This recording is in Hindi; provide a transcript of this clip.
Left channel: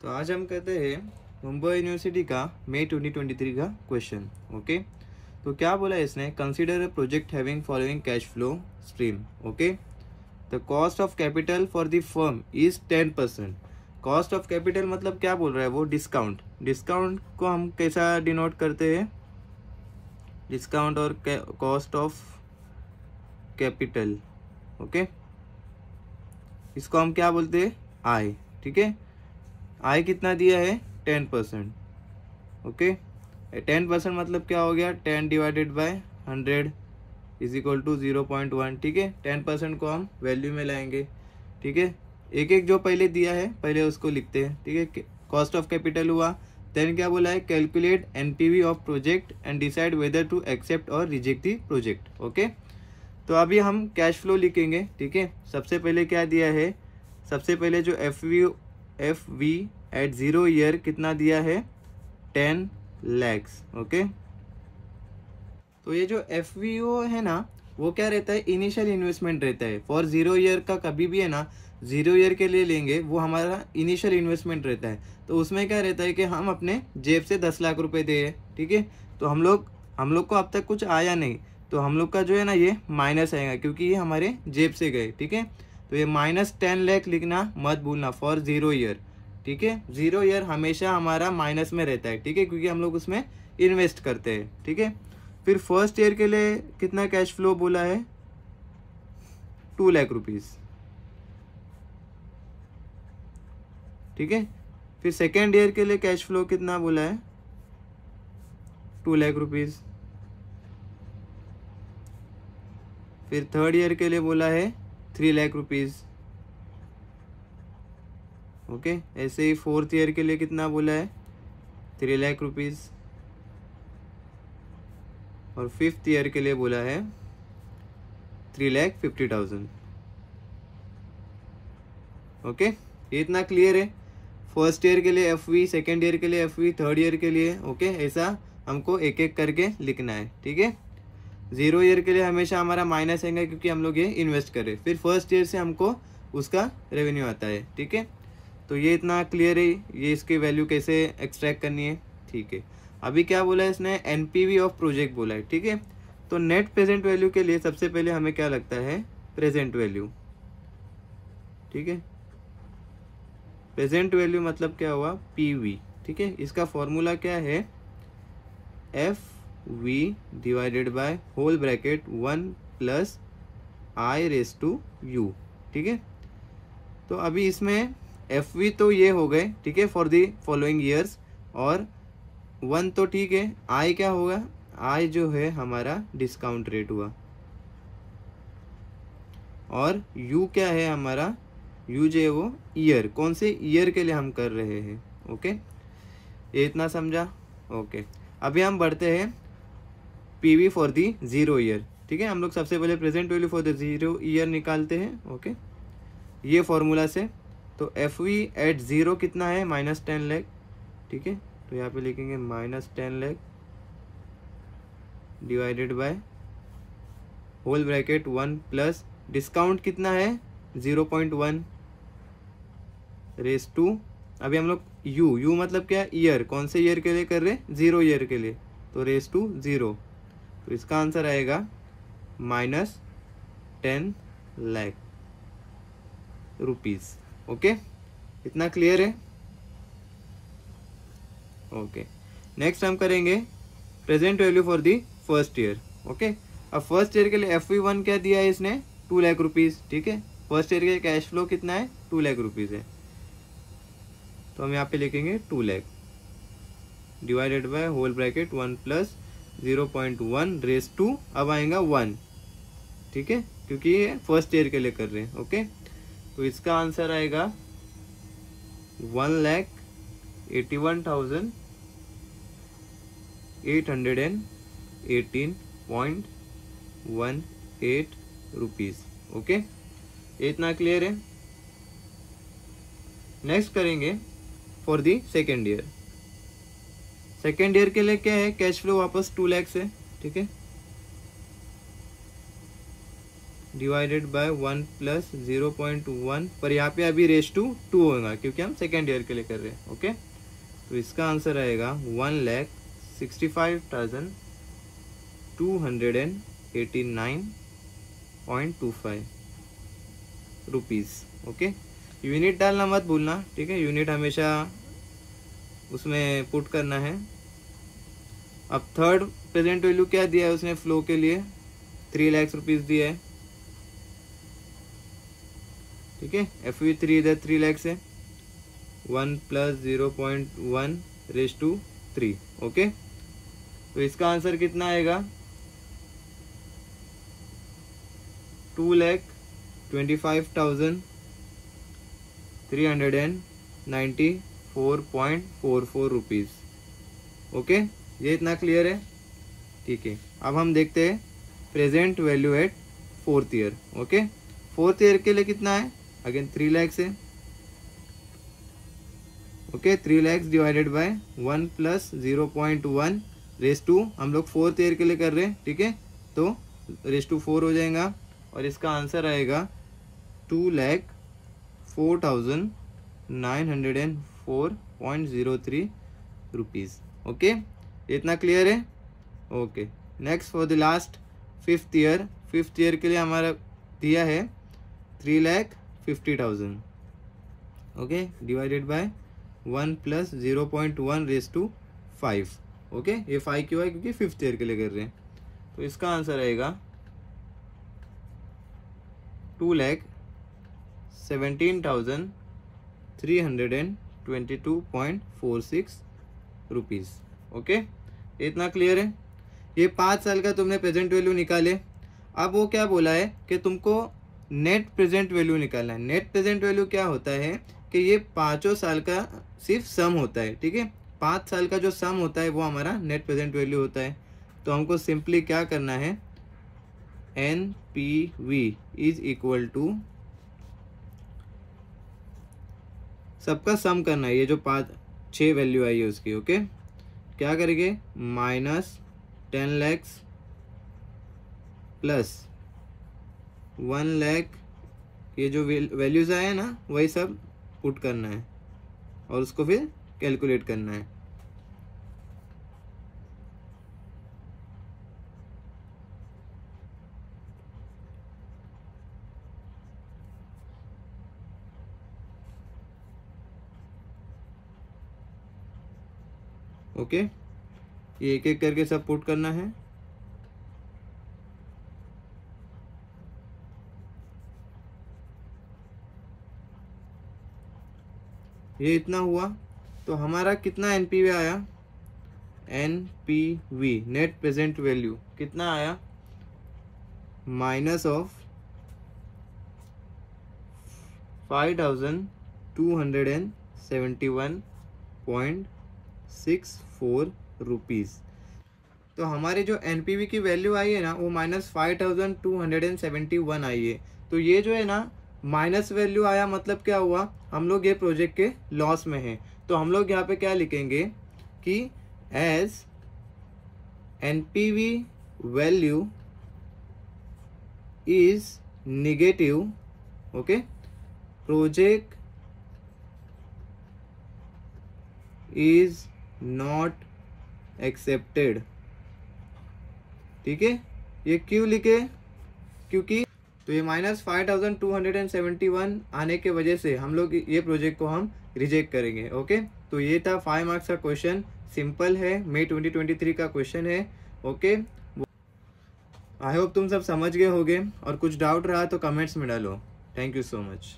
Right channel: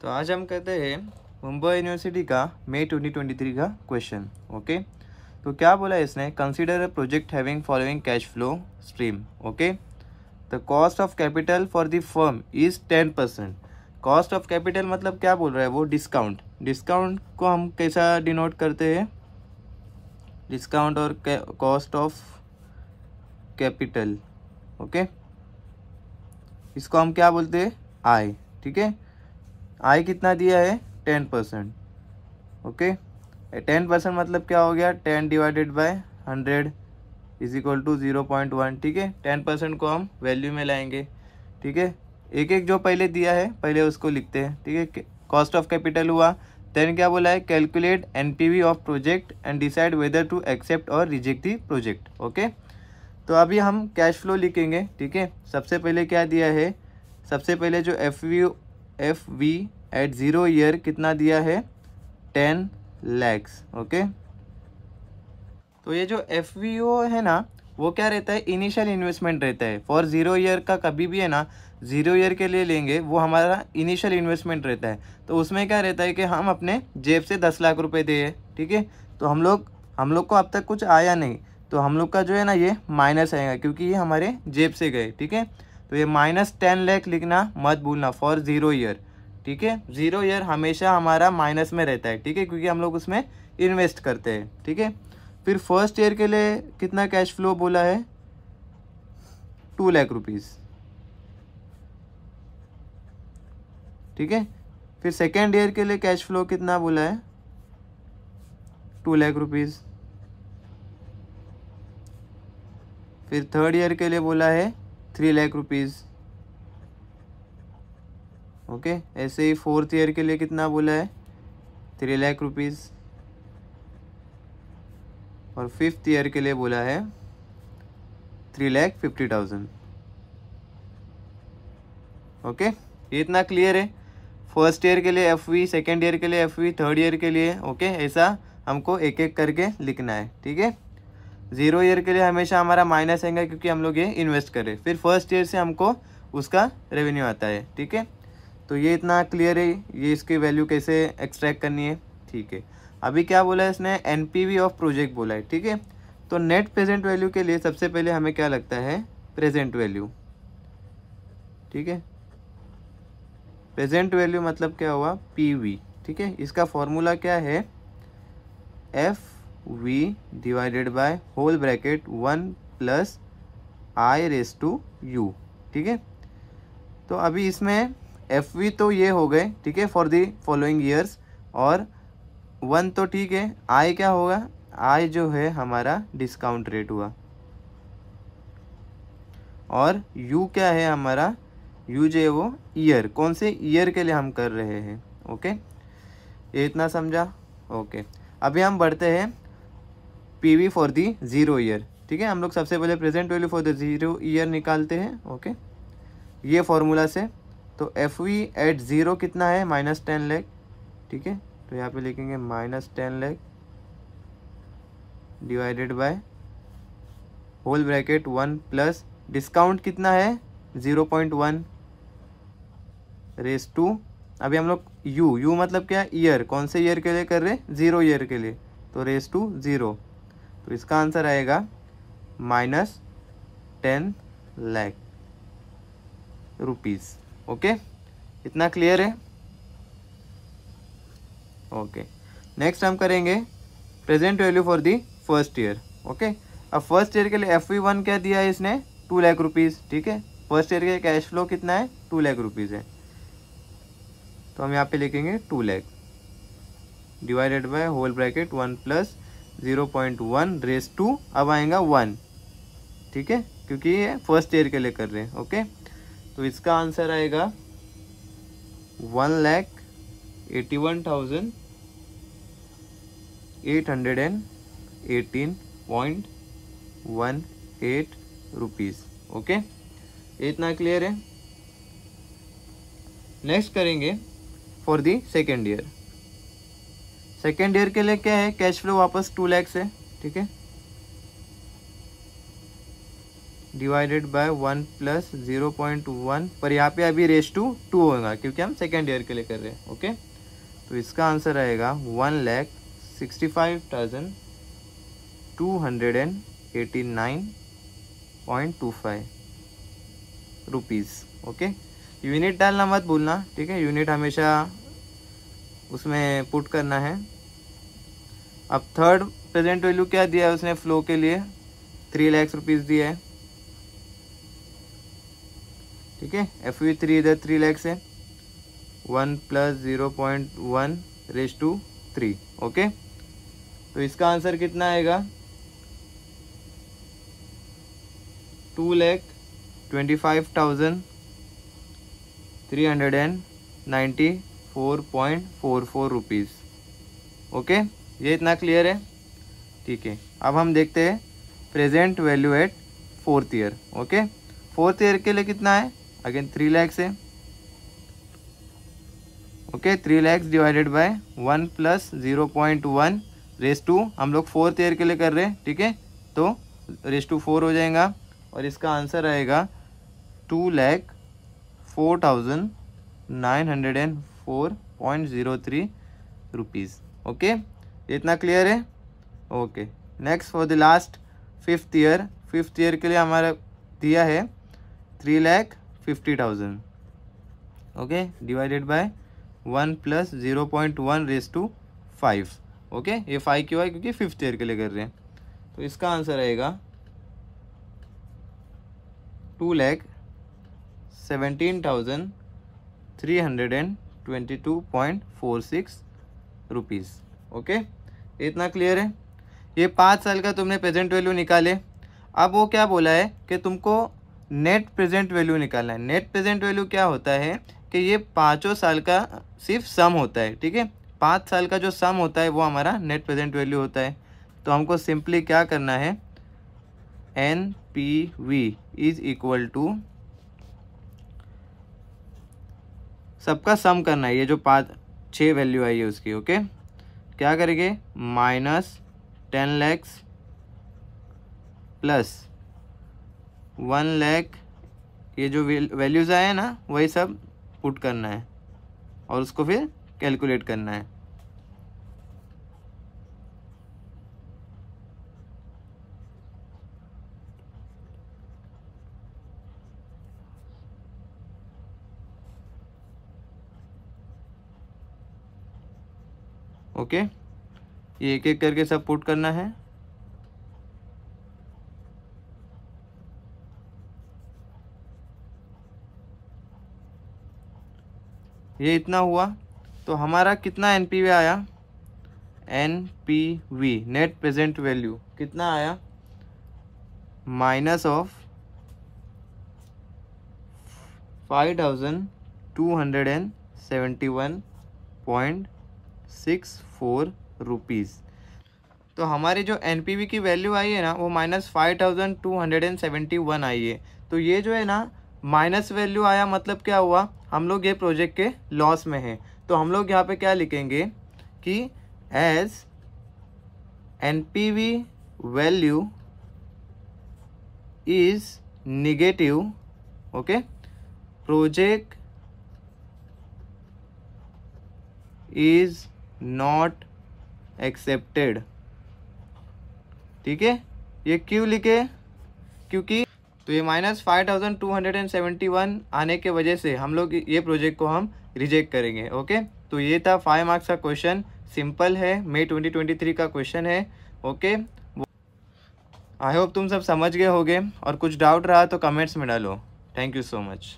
तो आज हम करते हैं मुंबई यूनिवर्सिटी का मई 2023 का क्वेश्चन। ओके, तो क्या बोला इसने, consider a project having following cash flow stream. Okay, the cost of capital for the firm is 10%। Cost of capital मतलब क्या बोल रहा है वो, डिस्काउंट। डिस्काउंट को हम कैसा डिनोट करते हैं, डिस्काउंट और कॉस्ट ऑफ कैपिटल। ओके, इसको हम क्या बोलते हैं, आई। ठीक है, आई कितना दिया है, 10%। ओके, 10% मतलब क्या हो गया, 10 divided by 100 is equal to 0.1। ठीक है, 10% को हम वैल्यू में लाएंगे। ठीक है, एक एक जो पहले दिया है पहले उसको लिखते हैं। ठीक है, कॉस्ट ऑफ कैपिटल हुआ, देन क्या बोला है, calculate NPV of project and decide whether to accept और रिजेक्ट द प्रोजेक्ट। ओके, तो अभी हम कैश फ्लो लिखेंगे। ठीक है, सबसे पहले क्या दिया है, सबसे पहले जो एफ वी एट 0 ईयर कितना दिया है, 10 lakhs। ओके, तो ये जो एफ है ना, वो क्या रहता है, इनिशियल इन्वेस्टमेंट रहता है। फॉर 0 ईयर का कभी भी है ना, 0 ईयर के लिए लेंगे, वो हमारा इनिशियल इन्वेस्टमेंट रहता है। तो उसमें क्या रहता है कि हम अपने जेब से 10 लाख रुपए दिए। ठीक है, तो हम लोग को अब तक कुछ आया नहीं, तो हम लोग का जो है ना ये माइनस आएगा, क्योंकि ये हमारे जेब से गए। ठीक है, तो ये -10 लाख लिखना मत भूलना फॉर 0 ईयर। ठीक है, 0 ईयर हमेशा हमारा माइनस में रहता है। ठीक है, क्योंकि हम लोग उसमें इन्वेस्ट करते हैं। ठीक है, फिर फर्स्ट ईयर के लिए कितना कैश फ्लो बोला है, 2 लाख रुपीज। ठीक है, फिर सेकेंड ईयर के लिए कैश फ्लो कितना बोला है, 2 लाख रुपीज। फिर थर्ड ईयर के लिए बोला है 3 लाख रुपीज। ओके, ऐसे ही फोर्थ ईयर के लिए कितना बोला है, 3 लाख रुपीज। और फिफ्थ ईयर के लिए बोला है 3,50,000। ओके, ये इतना क्लियर है। फर्स्ट ईयर के लिए एफ वी, सेकेंड ईयर के लिए एफ वी, थर्ड ईयर के लिए। ओके, ऐसा हमको एक एक करके लिखना है। ठीक है, 0 ईयर के लिए हमेशा हमारा माइनस आएगा, क्योंकि हम लोग ये इन्वेस्ट करें। फिर फर्स्ट ईयर से हमको उसका रेवेन्यू आता है। ठीक है, तो ये इतना क्लियर है, ये इसकी वैल्यू कैसे एक्सट्रैक्ट करनी है। ठीक है, अभी क्या बोला है इसने, एनपीवी ऑफ प्रोजेक्ट बोला है। ठीक है, तो नेट प्रेजेंट वैल्यू के लिए सबसे पहले हमें क्या लगता है, प्रेजेंट वैल्यू। ठीक है, प्रेजेंट वैल्यू मतलब क्या हुआ, पीवी। ठीक है, इसका फॉर्मूला क्या है, F V divided by whole bracket 1 plus I raise to U. ठीक है, तो अभी इसमें एफ वी तो ये हो गए। ठीक है, फॉर दी फॉलोइंग ईयर्स, और 1 तो ठीक है। आई क्या होगा, आई जो है हमारा डिस्काउंट रेट हुआ, और यू क्या है हमारा, यू जो है वो ईयर, कौन से ईयर के लिए हम कर रहे हैं। ओके, ये इतना समझा। ओके, अभी हम बढ़ते हैं पीवी फॉर दी 0 ईयर। ठीक है, हम लोग सबसे पहले present value for the 0 year निकालते हैं। ओके, ये फॉर्मूला से, तो एफ वी एट 0 कितना है, -10 लाख। ठीक है, तो यहाँ पे लिखेंगे -10 lakh divided by whole bracket 1 plus discount कितना है, 0.1 रेस टू, अभी हम लोग यू मतलब क्या, ईयर, कौन से ईयर के लिए कर रहे, 0 ईयर के लिए, तो रेस टू 0। तो इसका आंसर आएगा -10 लाख रुपीज। ओके, इतना क्लियर है। ओके, नेक्स्ट हम करेंगे present value for the first year. Okay, अब फर्स्ट ईयर के लिए एफ वी 1 क्या दिया है इसने, 2 लाख रुपीज। ठीक है, फर्स्ट ईयर के कैश फ्लो कितना है, 2 लाख रुपीज है, तो हम यहाँ पे लिखेंगे 2 lakh divided by whole bracket 1 plus 0.1 raise to, अब आएगा 1। ठीक है, क्योंकि ये फर्स्ट ईयर के लिए कर रहे हैं। ओके, तो इसका आंसर आएगा 1,81,818.18 रुपीज। ओके, ये इतना क्लियर है। नेक्स्ट करेंगे for the second year. Second year के लिए क्या है, कैश फ्लो वापस 2 लाख है। ठीक है, डिवाइडेड बाय 1 प्लस 0.1, पर यहाँ पे अभी रेस टू 2 होगा क्योंकि हम सेकेंड ईयर के लिए कर रहे हैं। ओके, तो इसका आंसर आएगा 1,65,289.25 रुपीज़। ओके, यूनिट डालना मत भूलना, ठीक है, यूनिट हमेशा उसमें पुट करना है। अब थर्ड प्रेजेंट वैल्यू क्या दिया है उसने फ्लो के लिए, 3 लाख रुपीज दिया है, ठीक है। FV3 इधर 3 लाख से 1 प्लस 0.1 रेस टू 3। ओके, तो इसका आंसर कितना आएगा 2,25,394.44 रुपीज। ओके, ये इतना क्लियर है, ठीक है। अब हम देखते हैं present value at fourth year. Okay, fourth year के लिए कितना है, अगेन 3 लाख से। Okay, 3 lakh divided by 1 plus 0.1 raise to, हम लोग फोर्थ ईयर के लिए कर रहे हैं, ठीक है, तो रेस टू 4 हो जाएगा और इसका आंसर आएगा 2,04,904.03 रुपीज। ओके, इतना क्लियर है। Okay, next for the last fifth year. Fifth year के लिए हमारा दिया है 3,50,000। Okay, divided by 1 plus 0.1 raise to 5। Okay, ये 5 क्यों है, क्योंकि फिफ्थ ईयर के लिए कर रहे हैं। तो इसका आंसर आएगा 2,17,322.46 रुपीज। ओके, इतना क्लियर है। ये 5 साल का तुमने प्रेजेंट वैल्यू निकाले। अब वो क्या बोला है कि तुमको नेट प्रेजेंट वैल्यू निकालना है। नेट प्रेजेंट वैल्यू क्या होता है कि ये 5 साल का सिर्फ सम होता है, ठीक है। 5 साल का जो सम होता है वो हमारा नेट प्रेजेंट वैल्यू होता है। तो हमको सिंपली क्या करना है, NPV इज इक्वल टू, सबका सम करना है, ये जो 6 वैल्यू आई है उसकी। ओके, क्या करेंगे, माइनस 10 लाख प्लस 1 लाख, ये जो वैल्यूज आए ना वही सब पुट करना है और उसको फिर कैलकुलेट करना है। ओके, ये एक एक करके सब पुट करना है। ये इतना हुआ, तो हमारा कितना एनपीवी आया, NPV नेट प्रेजेंट वैल्यू कितना आया, माइनस ऑफ 5,271.64 रुपीज। तो हमारी जो एनपीवी की वैल्यू आई है ना वो -5,271 आई है। तो ये जो है ना माइनस वैल्यू आया, मतलब क्या हुआ, हम लोग ये प्रोजेक्ट के लॉस में हैं। तो हम लोग यहाँ पे क्या लिखेंगे कि as NPV value is negative, okay, project is not accepted. ठीक है, ये क्यों लिखे, क्योंकि तो ये -5,271 आने के वजह से हम लोग ये प्रोजेक्ट को हम रिजेक्ट करेंगे। ओके, तो ये था 5 मार्क्स का क्वेश्चन, सिंपल है, मई 2023 का क्वेश्चन है। ओके, आई होप तुम सब समझ गए होगे और कुछ डाउट रहा तो कमेंट्स में डालो। Thank you so much.